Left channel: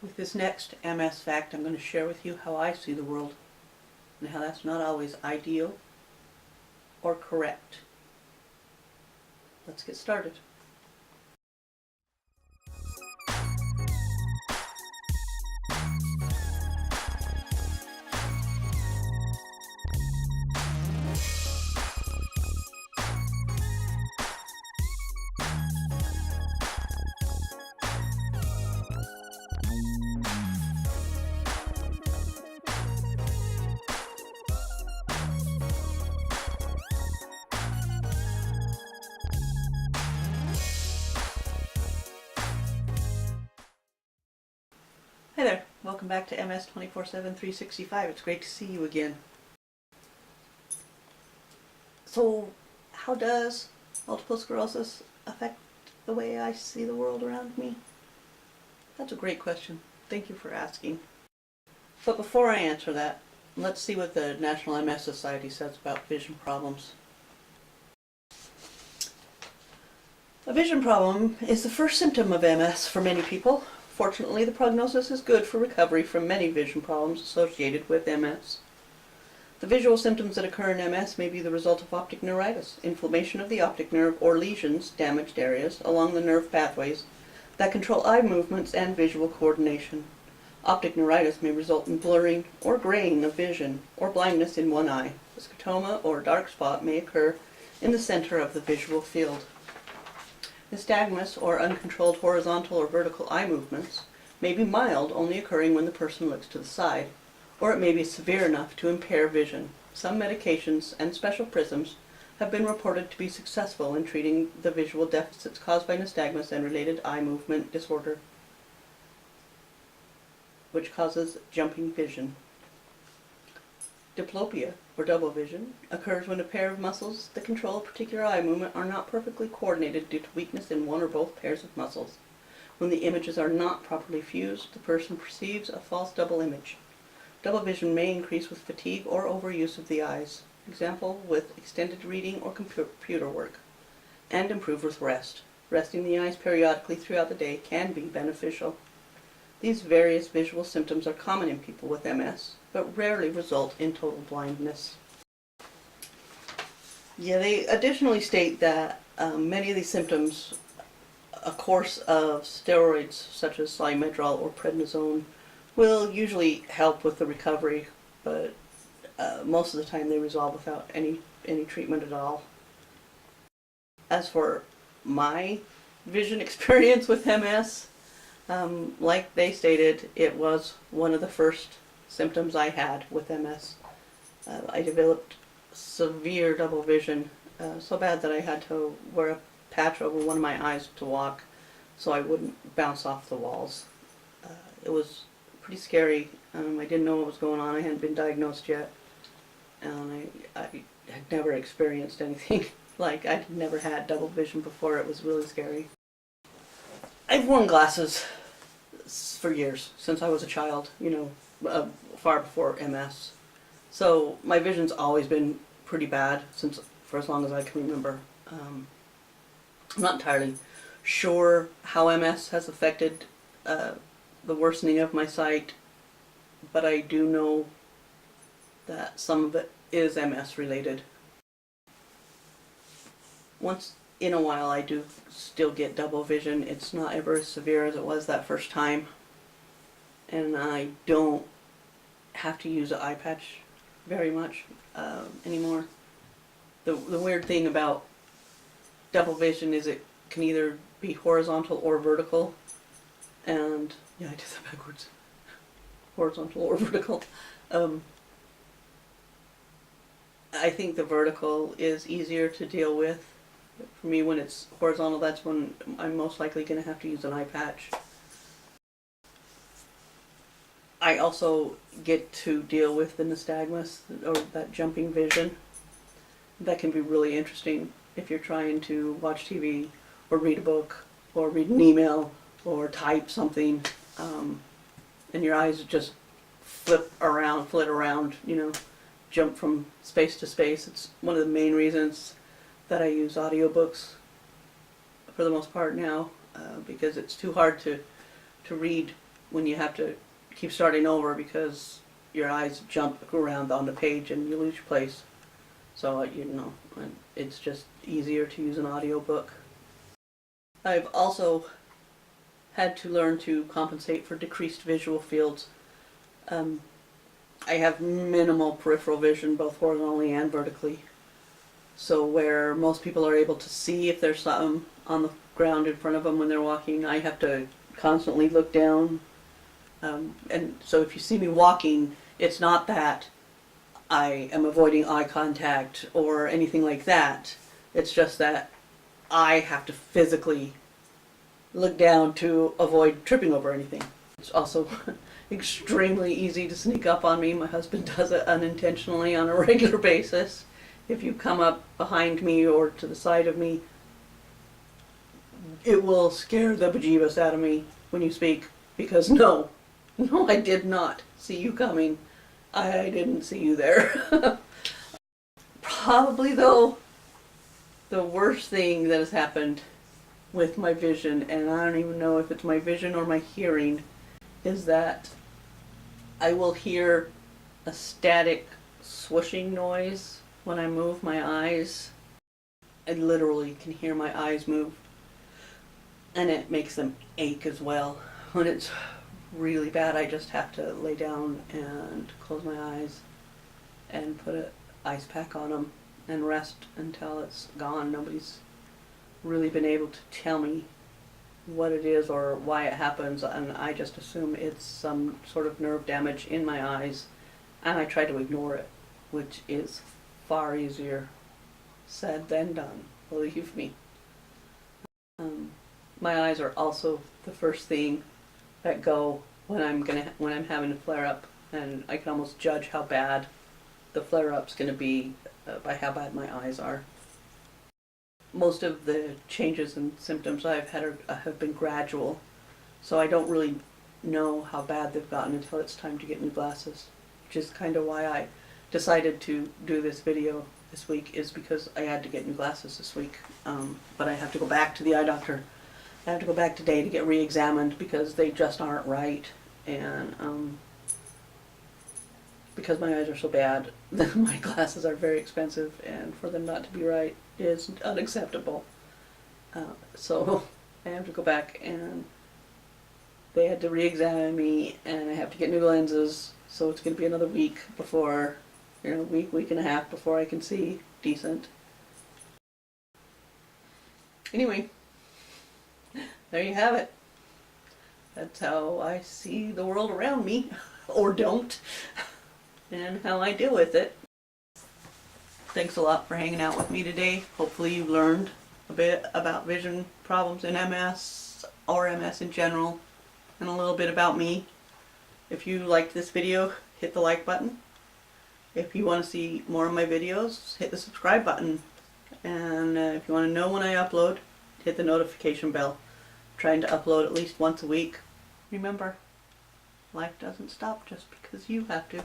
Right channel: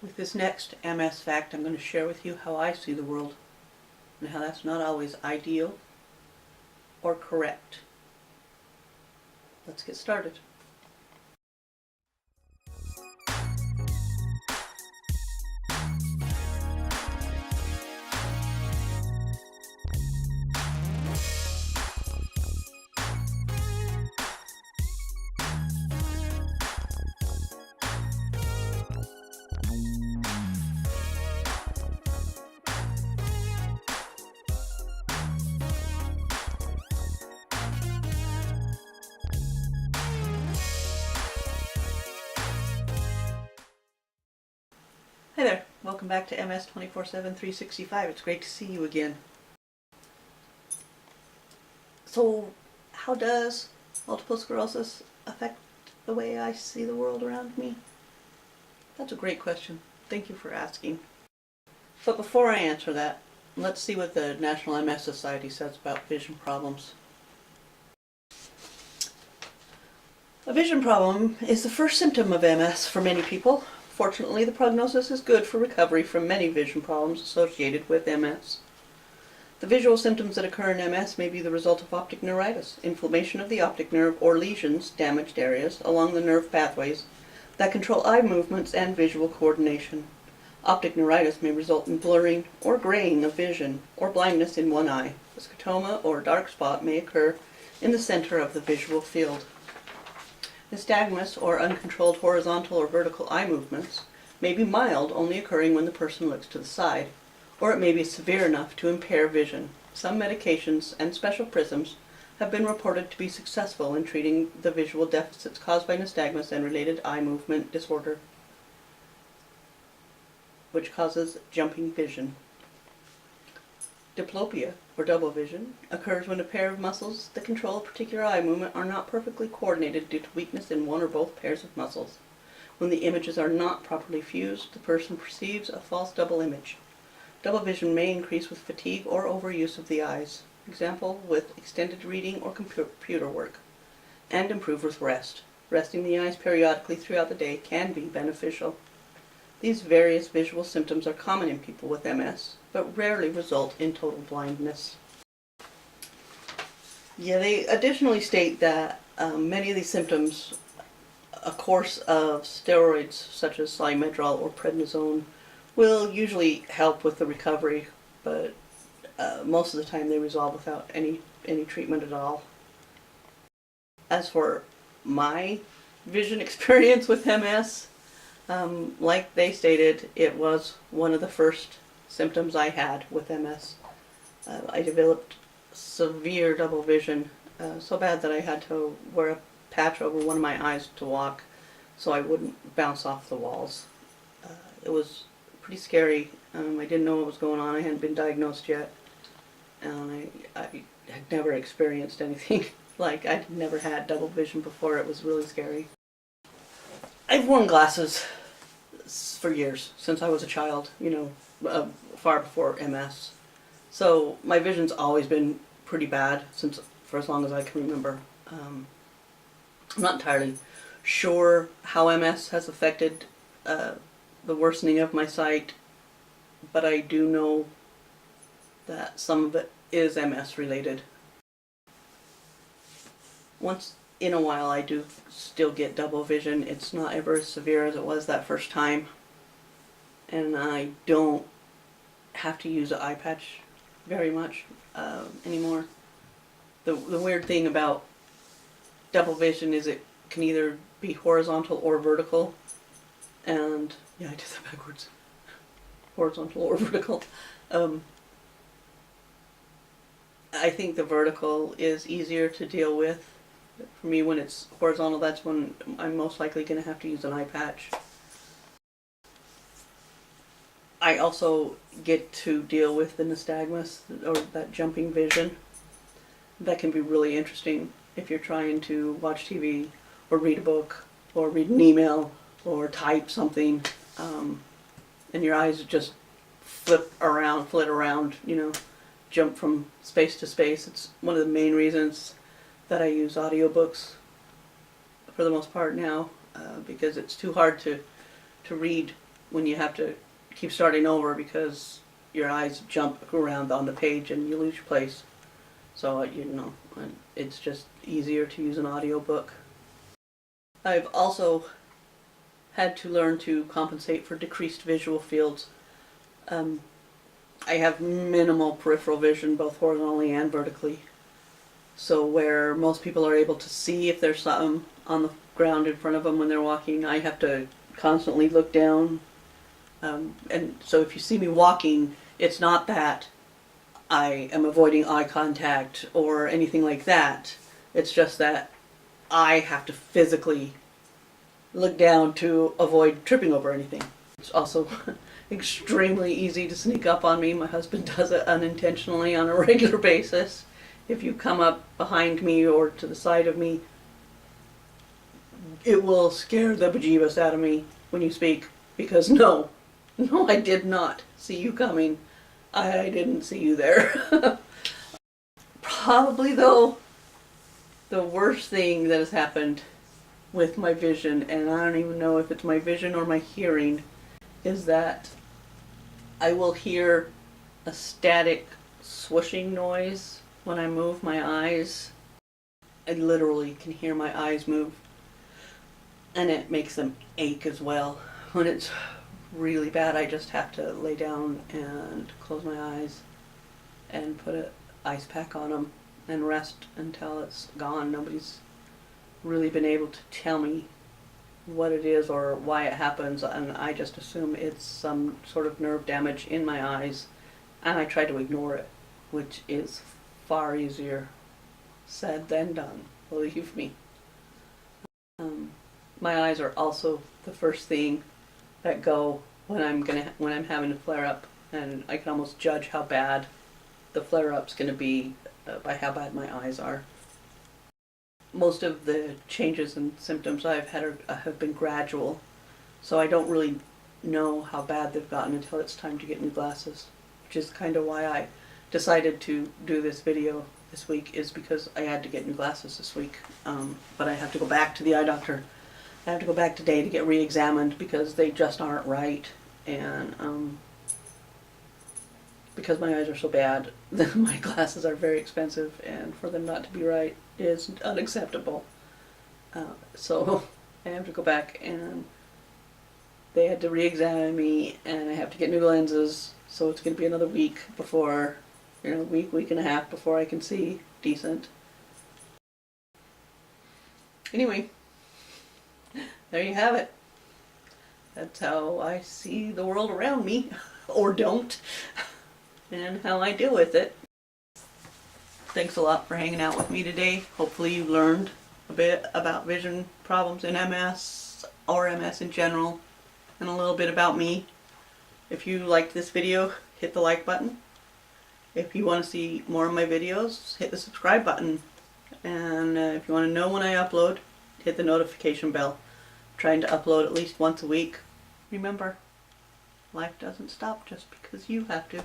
With this next MS fact, I'm going to share with you how I see the world and how that's not always ideal or correct. Let's get started. Hey there, welcome back to MS 24/7 365. It's great to see you again. So, how does multiple sclerosis affect the way I see the world around me? That's a great question. Thank you for asking. But before I answer that, let's see what the National MS Society says about vision problems. A vision problem is the first symptom of MS for many people. Fortunately, the prognosis is good for recovery from many vision problems associated with MS. The visual symptoms that occur in MS may be the result of optic neuritis, inflammation of the optic nerve, or lesions, damaged areas, along the nerve pathways that control eye movements and visual coordination. Optic neuritis may result in blurring or graying of vision, or blindness in one eye. A scotoma or dark spot may occur in the center of the visual field. Nystagmus, or uncontrolled horizontal or vertical eye movements, may be mild, only occurring when the person looks to the side, or it may be severe enough to impair vision. Some medications and special prisms have been reported to be successful in treating the visual deficits caused by nystagmus and related eye movement disorder, which causes jumping vision. Diplopia, or double vision, occurs when a pair of muscles that control a particular eye movement are not perfectly coordinated due to weakness in one or both pairs of muscles. When the images are not properly fused, the person perceives a false double image. Double vision may increase with fatigue or overuse of the eyes, example with extended reading or computer work, and improve with rest. Resting the eyes periodically throughout the day can be beneficial. These various visual symptoms are common in people with MS, but rarely result in total blindness. They additionally state that many of these symptoms, a course of steroids such as salmeterol or prednisone, will usually help with the recovery, but most of the time they resolve without any treatment at all. As for my vision experience with MS, like they stated, it was one of the first symptoms I had with MS. I developed severe double vision, so bad that I had to wear a patch over one of my eyes to walk so I wouldn't bounce off the walls. It was pretty scary. I didn't know what was going on. I hadn't been diagnosed yet, and I had never experienced anything like I'd never had double vision before. It was really scary. I've worn glasses for years, since I was a child, far before MS. So my vision's always been pretty bad for as long as I can remember. I'm not entirely sure how MS has affected the worsening of my sight, but I do know that some of it is MS related. Once in a while I do still get double vision. It's not ever as severe as it was that first time, and I don't have to use an eye patch very much anymore. The weird thing about double vision is it can either be horizontal or vertical, and I did that backwards. Horizontal or vertical. I think the vertical is easier to deal with. For me, when it's horizontal, that's when I'm most likely going to have to use an eye patch. I also get to deal with the nystagmus, or that jumping vision. That can be really interesting if you're trying to watch TV, or read a book, or read an email, or type something, and your eyes just flit around, jump from space to space. It's one of the main reasons that I use audiobooks for the most part now, because it's too hard to read when you have to keep starting over because your eyes jump around on the page and you lose your place. So, it's just easier to use an audiobook. I've also had to learn to compensate for decreased visual fields. I have minimal peripheral vision, both horizontally and vertically. So where most people are able to see if there's something on the ground in front of them when they're walking, I have to constantly look down. And so if you see me walking, it's not that I am avoiding eye contact or anything like that. It's just that I have to physically look down to avoid tripping over anything. It's also extremely easy to sneak up on me. My husband does it unintentionally on a regular basis. If you come up behind me or to the side of me, it will scare the bejeebus out of me when you speak, because no, I did not see you coming. I didn't see you there. Probably, though, the worst thing that has happened with my vision, and I don't even know if it's my vision or my hearing, is that I will hear a static swooshing noise when I move my eyes. I literally can hear my eyes move, and it makes them ache as well. When it's really bad, I just have to lay down and close my eyes and put an ice pack on them and rest until it's gone. Nobody's really been able to tell me what it is or why it happens, and I just assume it's some sort of nerve damage in my eyes, and I try to ignore it, which is far easier said than done, believe me. My eyes are also the first thing that go when I'm having a flare up, and I can almost judge how bad the flare up's going to be by how bad my eyes are. Most of the changes and symptoms I've had have been gradual, so I don't really know how bad they've gotten until it's time to get new glasses, which is kind of why I decided to do this video this week, is because I had to get new glasses this week. But I have to go back to the eye doctor. I have to go back today to get re-examined because they just aren't right, and because my eyes are so bad, my glasses are very expensive, and for them not to be right is unacceptable. So I have to go back, and they had to re-examine me, and I have to get new lenses, so it's going to be another week before, week and a half before I can see decent. Anyway, there you have it. That's how I see the world around me, or don't, and how I deal with it. Thanks a lot for hanging out with me today. Hopefully you learned a bit about vision problems in MS, or MS in general, and a little bit about me. If you liked this video, hit the like button. If you want to see more of my videos, hit the subscribe button. And if you want to know when I upload, hit the notification bell. I'm trying to upload at least once a week. Remember, life doesn't stop just because you have to.